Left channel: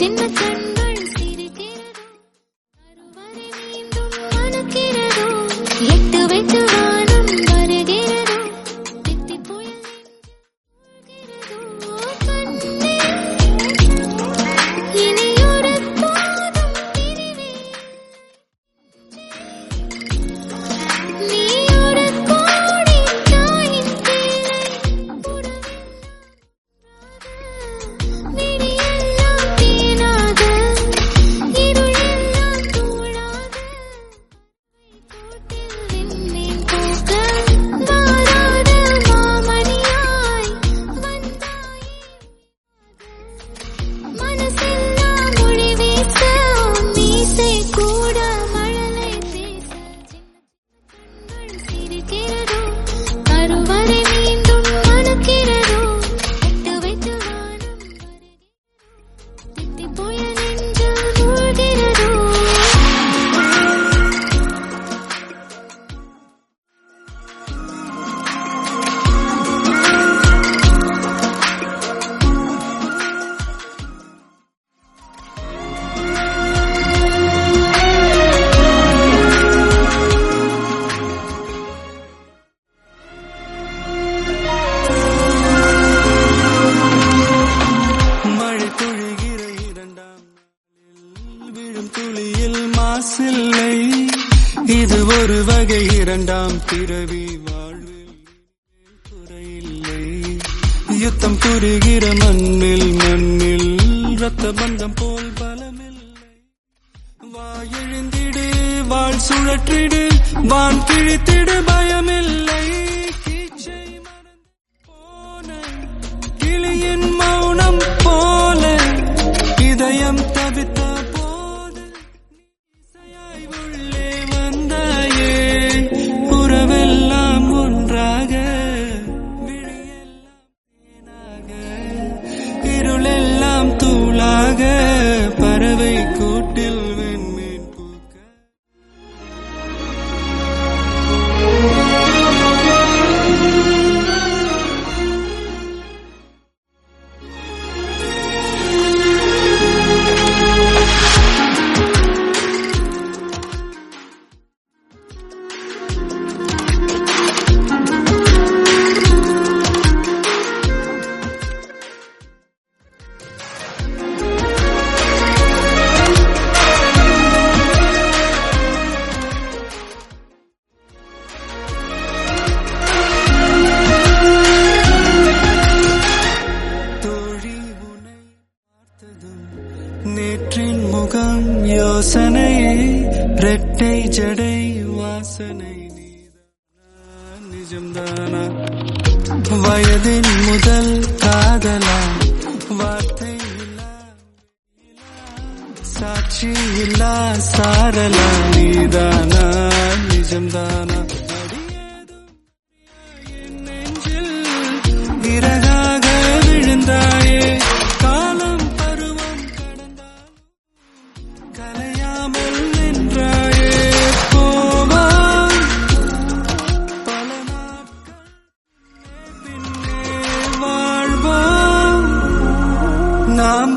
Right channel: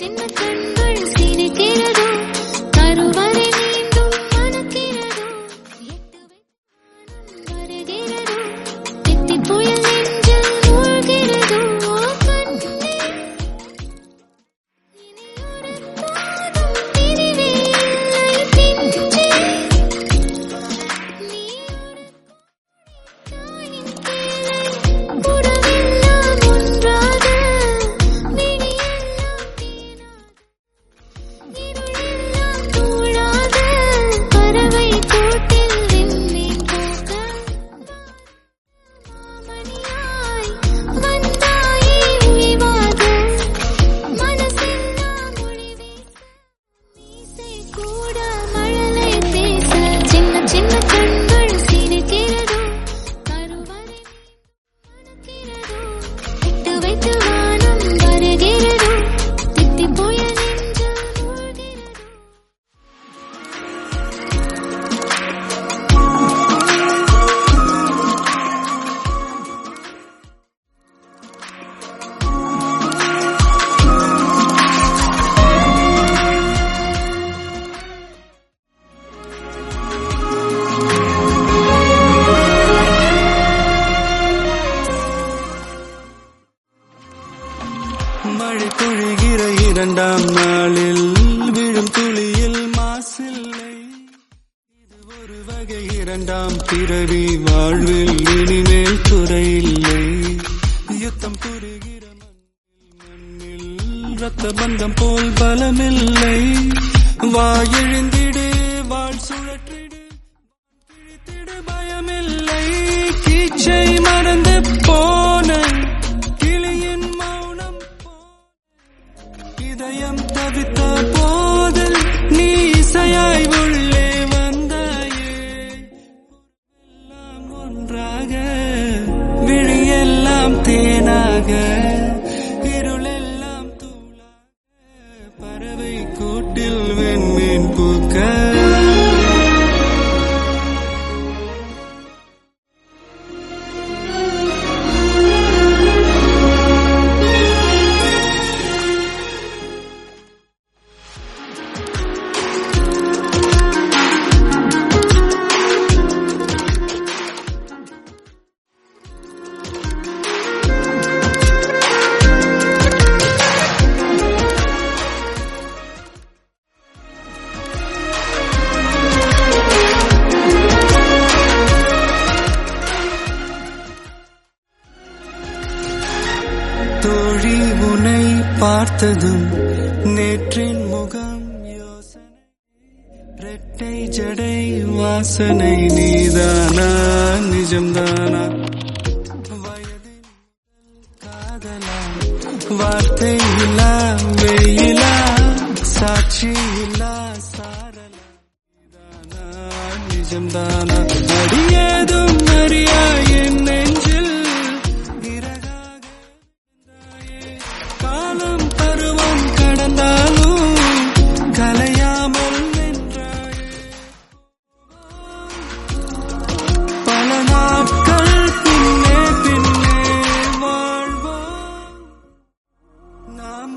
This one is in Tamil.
சின்ன கண்கள் சிரிக்கிறதோ கருவறை மீண்டும் மணக்கிறதோ எட்டு வைத்து வானம் வருகிறதோ தித்தி புயல் நெஞ்சில் மூழ்கிறதோ கண்ணே இனியொரு போதும் பிரிவே இல்லை பிஞ்சே நீ ஒரு கோடி தாயின் பிள்ளை உறவெல்லாம் ஒன்றாக விழியெல்லாம் தேனாக இருளெல்லாம் தூளாக பறவை கூட்டில் விண்மீன் போக்க மாறாத மாமணியாய் வந்தாயே உயிவாக மனசெல்லாம் மொழி வீச மீசை கூட மழலை பேச சின்ன சின்ன கண்கள் சிரிக்கிறதோ கருவறை மீண்டும் மணக்கிறதோ எட்டு வைத்து வானம் வருகிறதோ தித்தி புயல் நெஞ்சில் மூழ்கிறதோ மழை பொழிகிற இரண்டாம் நாளில் விழும் துளியில் மாசில்லை இது ஒரு வகை இரண்டாம் பிறவி வாழ்வில் இனிமேல் குறையில்லை யுத்தம் புரிகிற மண்ணில் ரத்த பந்தம் போல் பலமில்லை வா எழுந்திடு வாழ் சுழற்றிடு வான் கிழித்திடு பயமில்லை கீச்சை மறந்து போன கிளியின் மௌனம் போல இதயம் தவித்த போது நீ இசையாய் உள்ளே வந்தாயே உறவெல்லாம் ஒன்றாக விழியெல்லாம் தேனாக இருளெல்லாம் தூளாக பறவை கூட்டில் வெண்மீன் பூக்க தோழி உன்னை பார்த்ததும் நேற்றின் முகம் யோசனையே ரெட்டை ஜடை வாசனை நீதானா நிஜம்தானா வயதின் முதல் காதலா வார்த்தை இல்லா வெயிலா சாட்சி இல்லா சாரலா நீதானா நிஜம்தானா அடியேதும் அறியா என் நெஞ்சில் இறகாக விழுந்தாயே காலம் பருவம் கடந்தாலும் கலையாமல் நின்றாயே போவா பல நாட்கள் பின்னே பின்னே வாழ்வோம் நாம்